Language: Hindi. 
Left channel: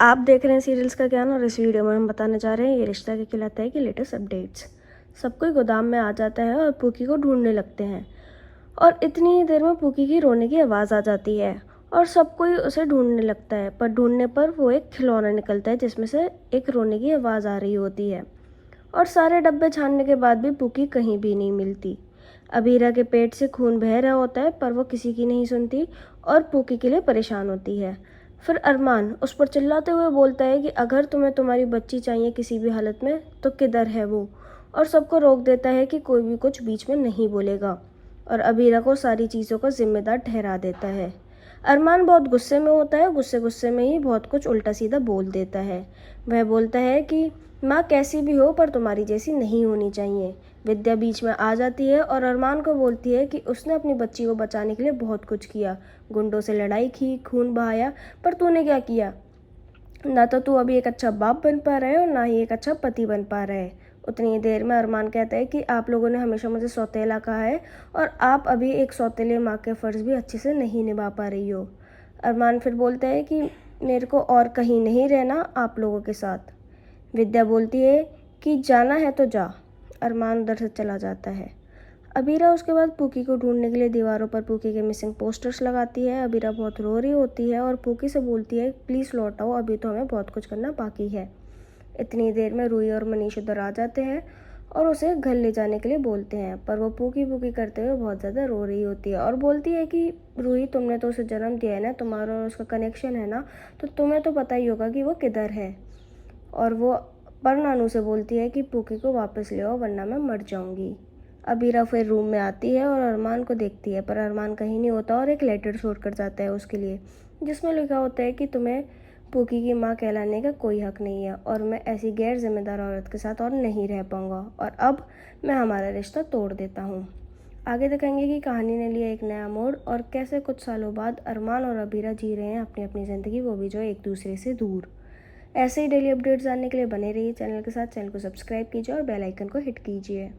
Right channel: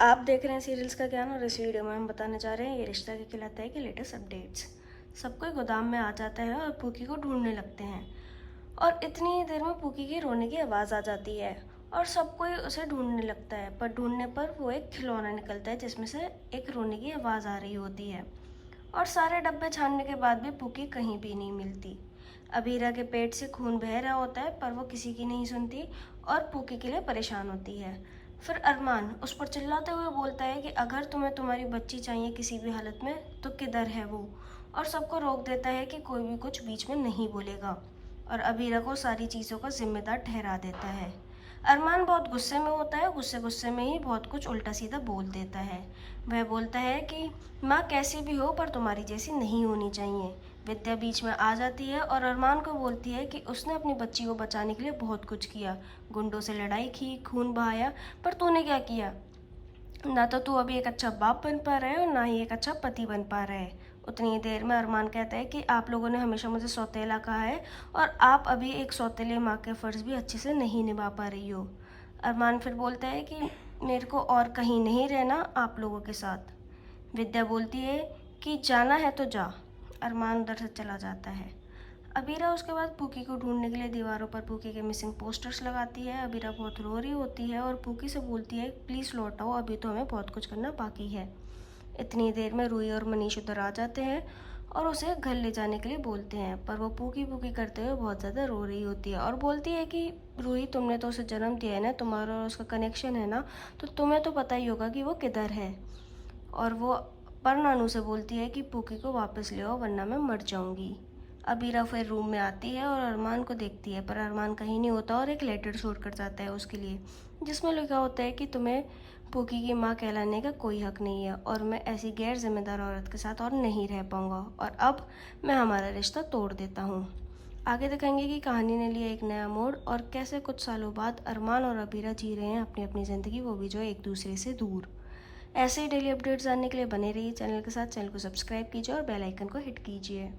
आप देख रहे हैं सीरियल्स का ज्ञान और इस वीडियो में हम बताने जा रहे हैं ये रिश्ता क्या कहलाता है कि लेटेस्ट अपडेट्स। सब कोई गोदाम में आ जाता है और पूकी को ढूंढने लगते हैं और इतनी ही देर में पूकी की रोने की आवाज़ आ जाती है और सब कोई उसे ढूंढने लगता है। पर ढूंढने पर वो एक खिलौना निकलता है जिसमें से एक रोने की आवाज़ आ रही होती है और सारे डब्बे छानने के बाद भी पूकी कहीं भी नहीं मिलती। अबीरा के पेट से खून बह रहा होता है पर वो किसी की नहीं सुनती और पूकी के लिए परेशान होती है। फिर अरमान उस पर चिल्लाते हुए बोलता है कि अगर तुम्हें तुम्हारी बच्ची चाहिए किसी भी हालत में तो किधर है वो, और सबको रोक देता है कि कोई भी कुछ बीच में नहीं बोलेगा और अबीरा को सारी चीज़ों का जिम्मेदार ठहरा देता है। अरमान बहुत गुस्से में होता है, गुस्से गुस्से में ही बहुत कुछ उल्टा सीधा बोल देता है। वह बोलता है कि माँ कैसी भी हो पर तुम्हारी जैसी नहीं होनी चाहिए। विद्या बीच में आ जाती है और अरमान को बोलती है कि उसने अपनी बच्ची को बचाने के लिए बहुत कुछ किया, गुंडों से लड़ाई की, खून बहाया, पर तूने क्या किया? ना तो तू अभी एक अच्छा बाप बन पा रहा है और ना ही एक अच्छा पति बन पा रहा है। उतनी ही देर में अरमान कहता है कि आप लोगों ने हमेशा मुझे सौतेला कहा है और आप अभी एक सौतेले माँ के फ़र्ज़ भी अच्छे से नहीं निभा पा रही हो। अरमान फिर बोलता है कि मेरे को और कहीं नहीं रहना आप लोगों के साथ। विद्या बोलती है कि जाना है तो जा। अरमान उधर से चला जाता है। अबीरा उसके बाद पूकी को ढूंढने के लिए दीवारों पर पूकी के मिसिंग पोस्टर्स लगाती है। अबीरा बहुत रो रही होती है और पूकी से बोलती है प्लीज़ लौट आओ, अभी तो हमें बहुत कुछ करना बाकी है। इतनी देर में रूही और मनीष उधर आ जाते हैं और उसे घर ले जाने के लिए बोलते हैं, पर वो पूकी पूकी करते हुए बहुत ज़्यादा रो रही होती है और बोलती है कि रूही तुमने तो उसे जन्म दिया है ना, तुम्हारा और उसका कनेक्शन है ना, तो तुम्हें तो पता ही होगा कि वो किधर है। और वो पर नानू से बोलती है कि पूकी को वापस ले आओ वरना मैं मर जाऊंगी। अबीरा फिर रूम में आती है और अरमान को देखती है पर अरमान कहीं नहीं होता और एक लेटर छोड़ कर जाता है उसके लिए, जिसमें लिखा होता है कि तुम्हें पूकी की माँ कहलाने का कोई हक नहीं है और मैं ऐसी गैर जिम्मेदार औरत के साथ और नहीं रह पाऊँगा और अब मैं हमारा रिश्ता तोड़ देता हूँ। आगे दिखाएंगे कि कहानी ने लिया एक नया मोड़ और कैसे कुछ सालों बाद अरमान और अबीरा जी रहे हैं अपनी अपनी ज़िंदगी, वो भी जो एक दूसरे से दूर। ऐसे ही डेली अपडेट्स जानने के लिए बने रहिए चैनल के साथ। चैनल को सब्सक्राइब कीजिए और बेल आइकन को हिट कीजिए।